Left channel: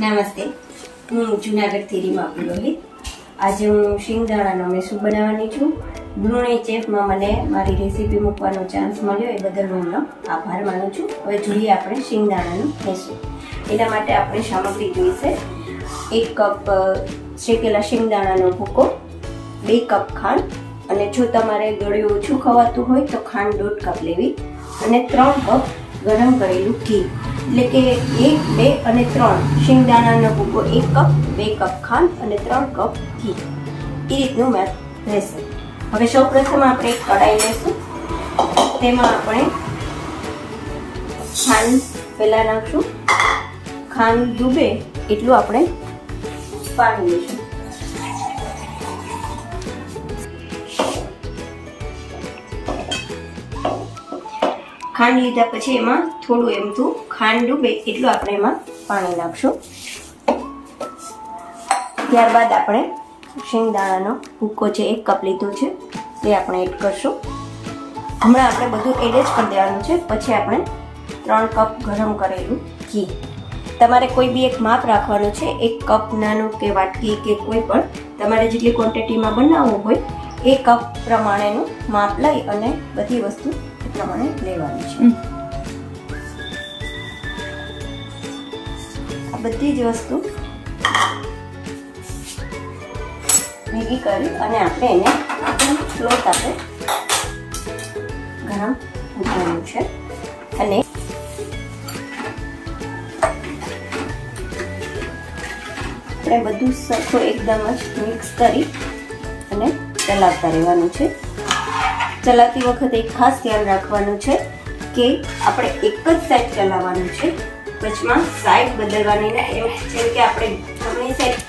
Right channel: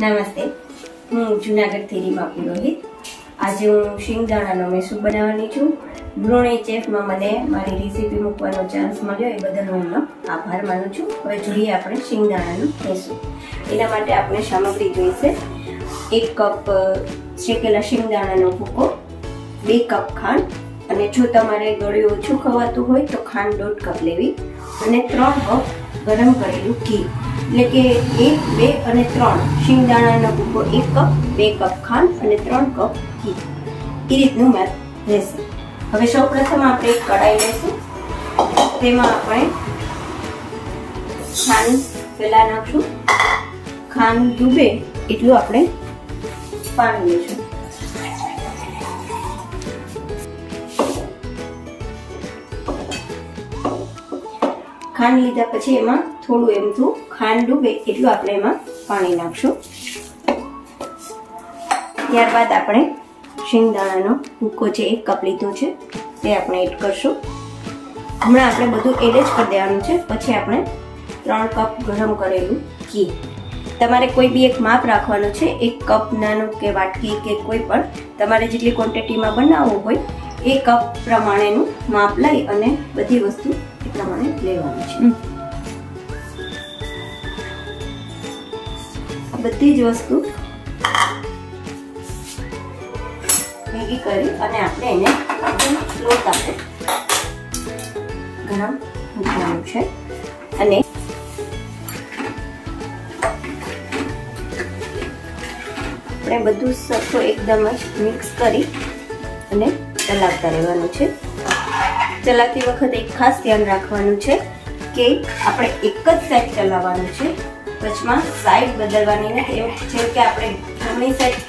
નમસ્તે, હું જૂનાગઢથી રીમા પુરોહિત. આજે હું શિંગદાણાનો મેસૂબ બનાવવાની છું. ગૃહિણી ચેફમાં મને મારી રેસીપી મૂકવાનો ચાન્સ મળ્યો એ બદલ હું એમનો આભાર માનું છું. હવે જોઈએ આપણે શિંગદાણાનો મેસૂબ. એના માટે આપણે સામગ્રી જોઈશે 1 કપ શેકેલા શિંગદાણાનો ભૂકો, 2 કપ ખાંડ, અને જો તમારે ગળ્યું ઓછું ખવાતું હોય તો ખાંડ 1.5 કપ લેવી, અને 3 કપ ગરમ કરેલું ઘી. એટલે કે 1, 2 અને 3 શિંગદાણાનો ભૂકો 1 કપ, 2 કપ ખાંડ અને 3 કપ ઘી, એ રીતનું મેથ રહેશે. હવે સૌ પ્રથમ આપણે એક કઢાઈ લઈશું. તેમાં આપણે ખાંડ પહેલા નાખશું. ખાંડ ડૂબે એટલું આપણે પાણી લઈશું. ખાંડ લીધા પછી એમાં થોડું એમથું ખાંડ ડૂબે એટલું આપણે એમાં પાણી નાખશું. ત્યારબાદ આપણે શિંગદાણાનો ભૂકો છે 1 કપ લીધો છે તે આપણે એડ કરશું. હમણાં આપણે બધું એડ જ કરી દેવાનું છે. પછી આપણે 3 કપ ગરમ કરેલું ઘી. તમારે કોઈ બી એક માપ રાખવાનું છે. 1 કપ નાનો કે વાટકી કે કોઈ પણ તમારે જેટલી ક્વોન્ટિટીમાં બનાવવું હોય એ કપ પ્રમાણેનું માપ લઈ અને બધી વસ્તુ પ્રમાણે લેવાનું છે. બધી જ વસ્તુ ભેગી કરી અને આપણે એને લોટ આપણે ગરમ મૂકવાનું છે. અને આપણે બધું સરખું એકદમ જ મિક્સ કરી અને ચલાવતા રહેવાનું છે. ચલાવતી વખતે એક ખાસ ધ્યાન રાખવાનું છે કે આપણે એક જ સાઈડ ચલાવવાનું છે. વચમાં સાઈડ બદલવાની નથી. જેમ કે આપણે જમણી સાઈડ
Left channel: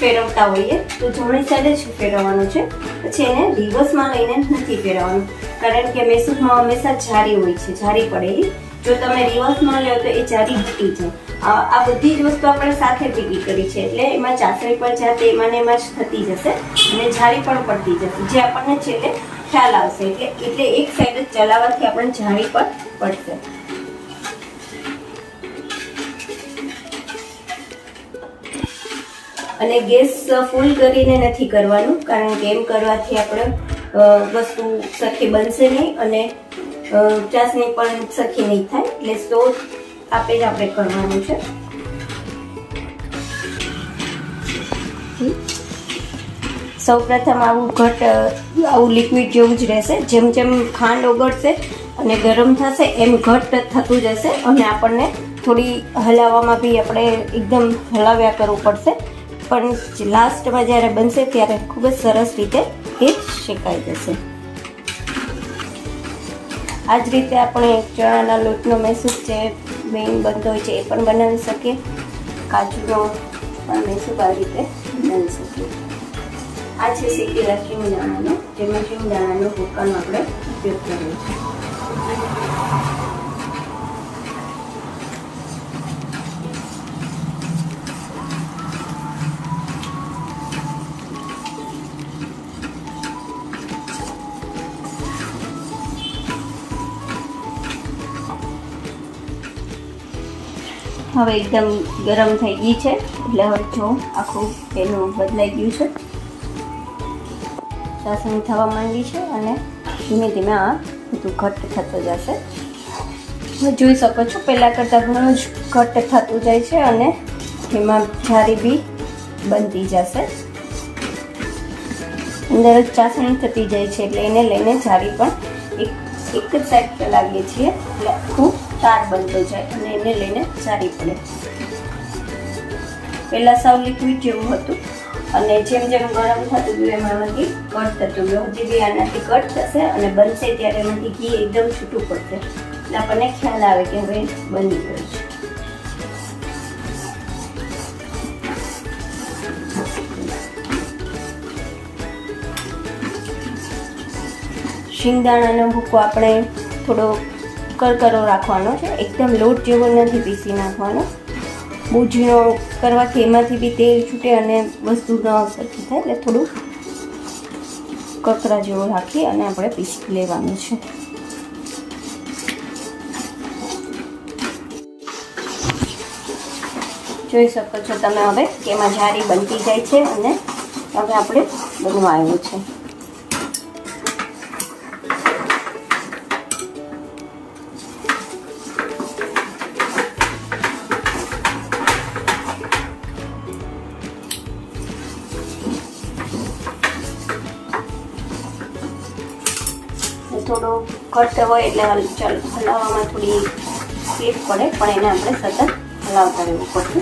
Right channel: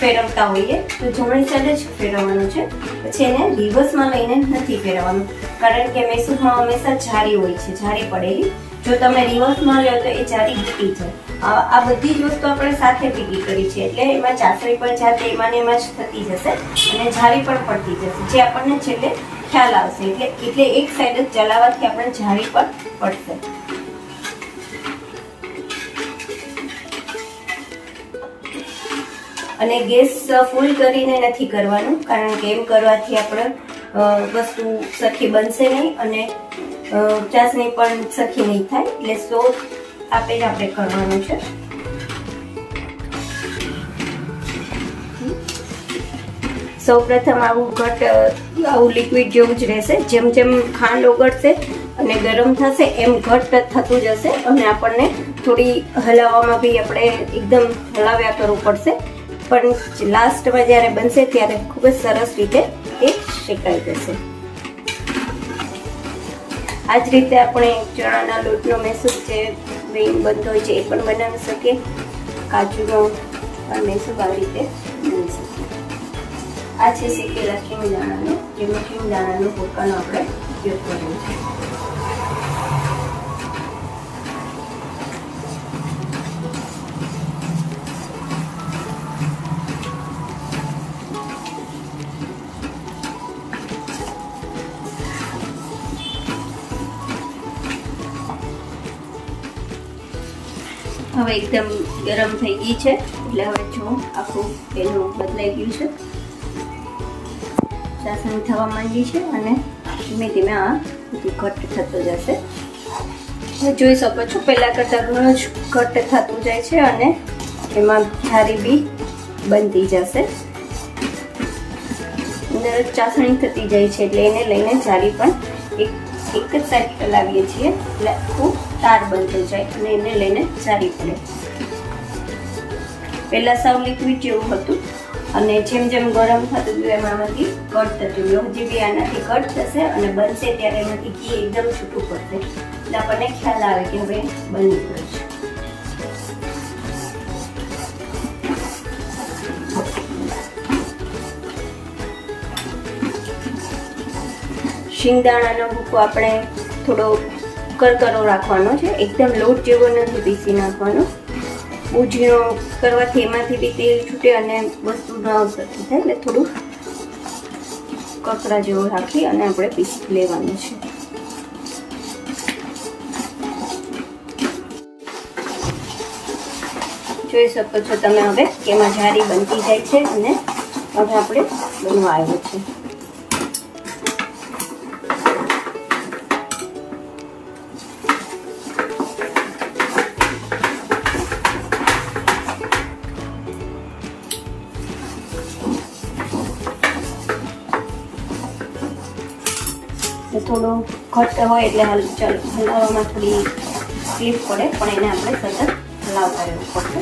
ફેરવતા હોઈએ તો જમણી સાઈડ જ ફેરવવાનું છે. પછી એને રિવર્સમાં લઈને નથી ફેરવવાનું, કારણ કે મેસૂબમાં હંમેશા જારી હોય છે, જારી પડેલી. જો તમે રિવર્સમાં લો તો એ જારી તૂટી જાય. આ બધી જ વસ્તુ આપણે સાથે ભેગી કરી છે એટલે એમાં ચાસણી પણ જાતે એમાં ને એમાં જ થતી જશે અને જારી પણ પડતી જશે, જે આપણને છેલ્લે ખ્યાલ આવશે. એટલે એક સાઈડ જ ચલાવવાથી આપણે જાળી પણ પડશે. અને ગેસ ફૂલ કરીને નથી કરવાનું, કારણ કે એમ કરવાથી આપણે વસ્તુ સરખી બનશે નહીં અને ચાસણી પણ સરખી નહીં થાય. એટલે સ્લો આપે જ આપણે કરવાનું છે. સૌ પ્રથમ આવું લિક્વિડ જેવું જ રહેશે. જેમ જેમ ખાંડ ઓગળશે અને ગરમ થશે એમ ઘટ થતું જશે અને આપણને થોડી હલાવવામાં બી આપણે એકદમ હલાવ્યા કરવું પડશે. પણ લાસ્ટમાં જ્યારે બનશે ત્યારે ખૂબ જ સરસ રીતે એ શેકાઈ જશે. આ જ રીતે આપણે ચણાના લોટનો મેસૂબ છે મેઇન બનતો હોય છે એ પણ બનાવી શકીએ. કાજુનો પણ મેસૂબ આ રીતે બનાવી શકીએ. આ છે શેકેલા શિંગદાણાનો, જેમાં શિંગદાણાનો ભૂકાનો આપણે ઉપયોગ કરીએ છીએ. હવે એકદમ ગરમ થઈ ગઈ છે એટલે હવે જો આખું એનું બદલાઈ ગયું છે, ચાસણી થવા માંડી છે અને ધીમે ધીમે આ બધું ઘટ્ટ થતું જશે. તમે જોઈ શકો છો પહેલા કરતાં ઘણું જ ઘટ્ટ થતું જાય છે અને એમાં જારી બી બનતી જશે. અંદર જ ચાસણી થતી જાય છે એટલે એને લઈને જારી પણ એક જ સાઈડ ચલાવીએ છીએ એટલે આખું તાર બનતો જાય અને એને લઈને જારી પડે. પહેલા સાવ લિક્વિડ જેવું હતું અને જેમ જેમ ગરમ થતું ગયું એમાંથી કટ થતું ગયું. હજી બી આનાથી કટ થશે અને બનશે ત્યારે એમાંથી ઘી એકદમ છૂટું પડશે એટલે આપણને ખ્યાલ આવે કે હવે બની ગયું છે. શિંગદાણાનો ભૂકો આપણે થોડો કરકરો રાખવાનો છે. એકદમ લોટ જેવો નથી પીસી નાખવાનો. બહુ ઝીણો કરવાથી એમાંથી બી તેલ છૂટે અને વસ્તુ ન સરખી થાય. એટલે થોડું કકરા જેવો રાખી અને આપણે પીસી લેવાનું છે. જોઈ શકો છો તમે હવે કે એમાં જારી બનતી જાય છે અને હવે આપણે બનવા આવ્યું છે. થોડું ઘટ્ટ હોય એટલે હલાવવામાં થોડી તકલીફ પડે, પણ એને આપણે સતત હલાવતા રહેવું પડશે.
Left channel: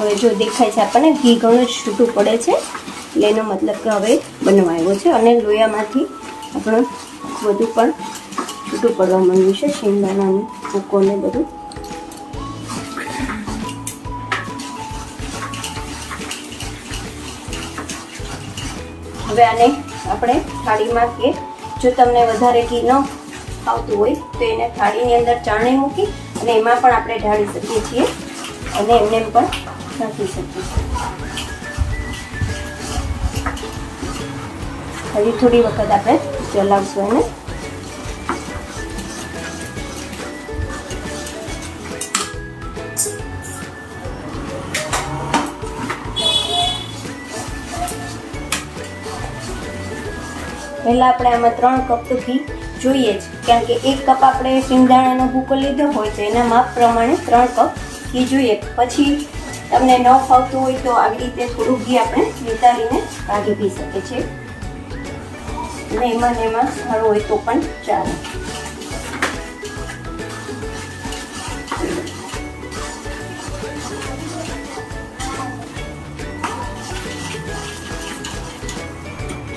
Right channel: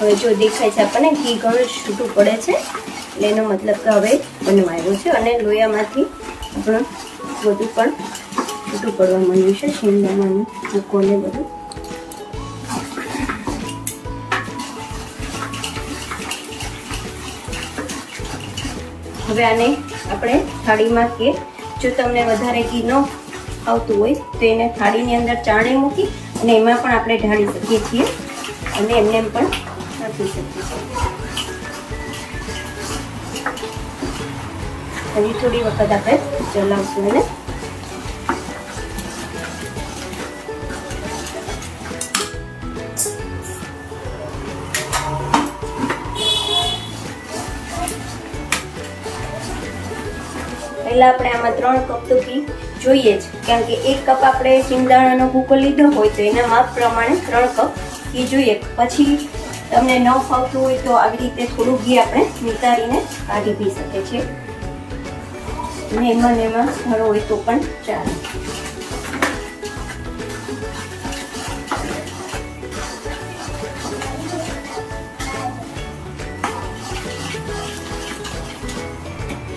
હવે જો દેખાય છે આપણને ઘી ઘણું છૂટું પડે છે, એટલે એનો મતલબ કે હવે બનવા આવ્યો છે અને લોયામાંથી આપણું બધું પણ છૂટું પડવા માંડ્યું છે, શિંગદાણાનું ભૂકોને બધું. હવે આને આપણે થાળીમાં, કે જો તમને વધારે ઘી ન આવતું હોય તો એને થાળીની અંદર ચાણી મૂકી અને એમાં પણ આપણે ઢાળી શકીએ છીએ અને એમને પણ નાખી શકીએ છીએ. હજી થોડી વખત આપણે ચલાવશું એને. પહેલા આપણે આમાં 3 કપ તો ઘી જોઈએ જ, કારણ કે 1 કપ આપણે શિંગદાણાનો ભૂકો લીધો હોય તો એના માપ પ્રમાણે 3 કપ ઘી જોઈએ. પછી તમને ન ફાવતું હોય તો આવી રીતે થોડું ઘી આપણે નિતારીને કાઢી પી શકીએ છીએ અને એમાં સારો હોય તો પણ ચાલે.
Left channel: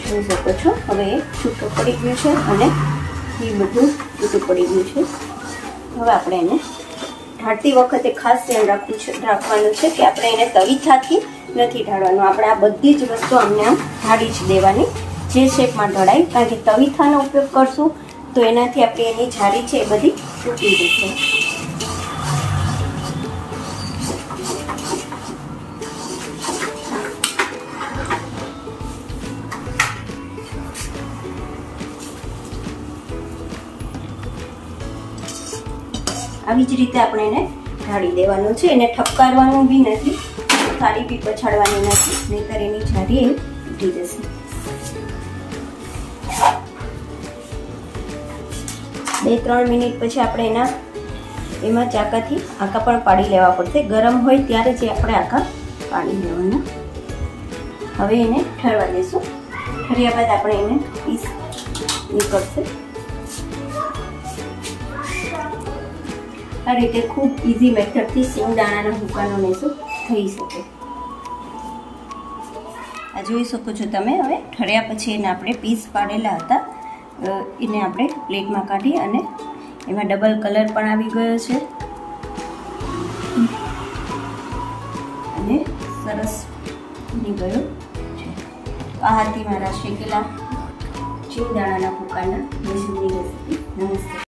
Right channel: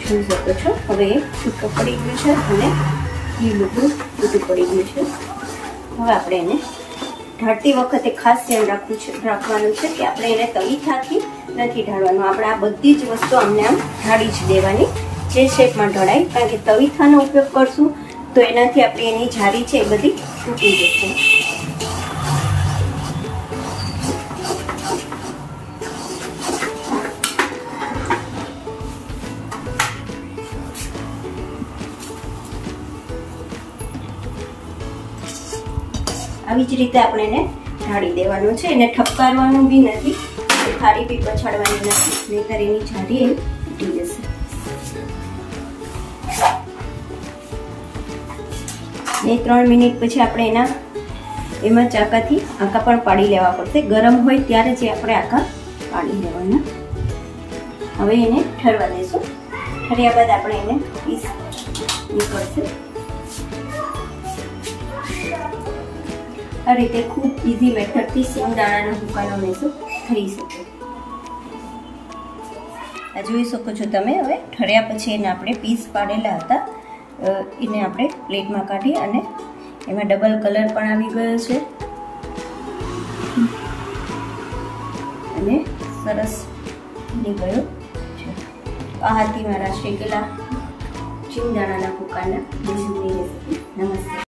જોઈ શકો છો હવે એ છૂટું પડી ગયું છે અને ઘી બધું છૂટું પડી ગયું છે. હવે આપણે એને ઢાળતી વખતે ખાસ ધ્યાન રાખવાનું છે કે આપણે એને તવીથાથી નથી ઢાળવાનું. આપણે આ બધી જ વસ્તુ અમને આમ ઢાળી જ દેવાની, જે શેપમાં ઢળાય, કારણ કે તવીથાનો ઉપયોગ કરશું તો એનાથી આપણે એની જારી છે એ બધી તૂટી જશે. આવી જ રીતે આપણે એને ઢાળી દેવાનું છે, એને ઠપકારવાનું બી નથી, થાળી બી પછાડવાની નથી, નહીંતર એની જારી તૂટી જશે. બે 3 મિનિટ પછી આપણે એમાં ચાકાથી આંકા પણ પાડી લેવા પડશે. ગરમ હોય ત્યારે જ આપણે આંકા પાડી લેવાના. હવે એને ઠરવા દેશું. ઠર્યા બાદ આપણે એને પીસ નીકળશે. આ રીતે ખૂબ ઇઝી મેથડથી સિંગદાણાના ભૂકાનો મેસૂર થઈ શકે. આ જોઈ શકો છો તમે. હવે ઠર્યા પછી એને આપણે પીસ પાડેલા હતા એને આપણે પ્લેટમાં કાઢી અને એમાં ડબલ કલર પણ આવી ગયો છે અને સરસ બની ગયો છે. આ હતી મારા શેકેલા સિંગદાણાના ભૂકાના મેસૂરની રેસીપી. નમસ્તે.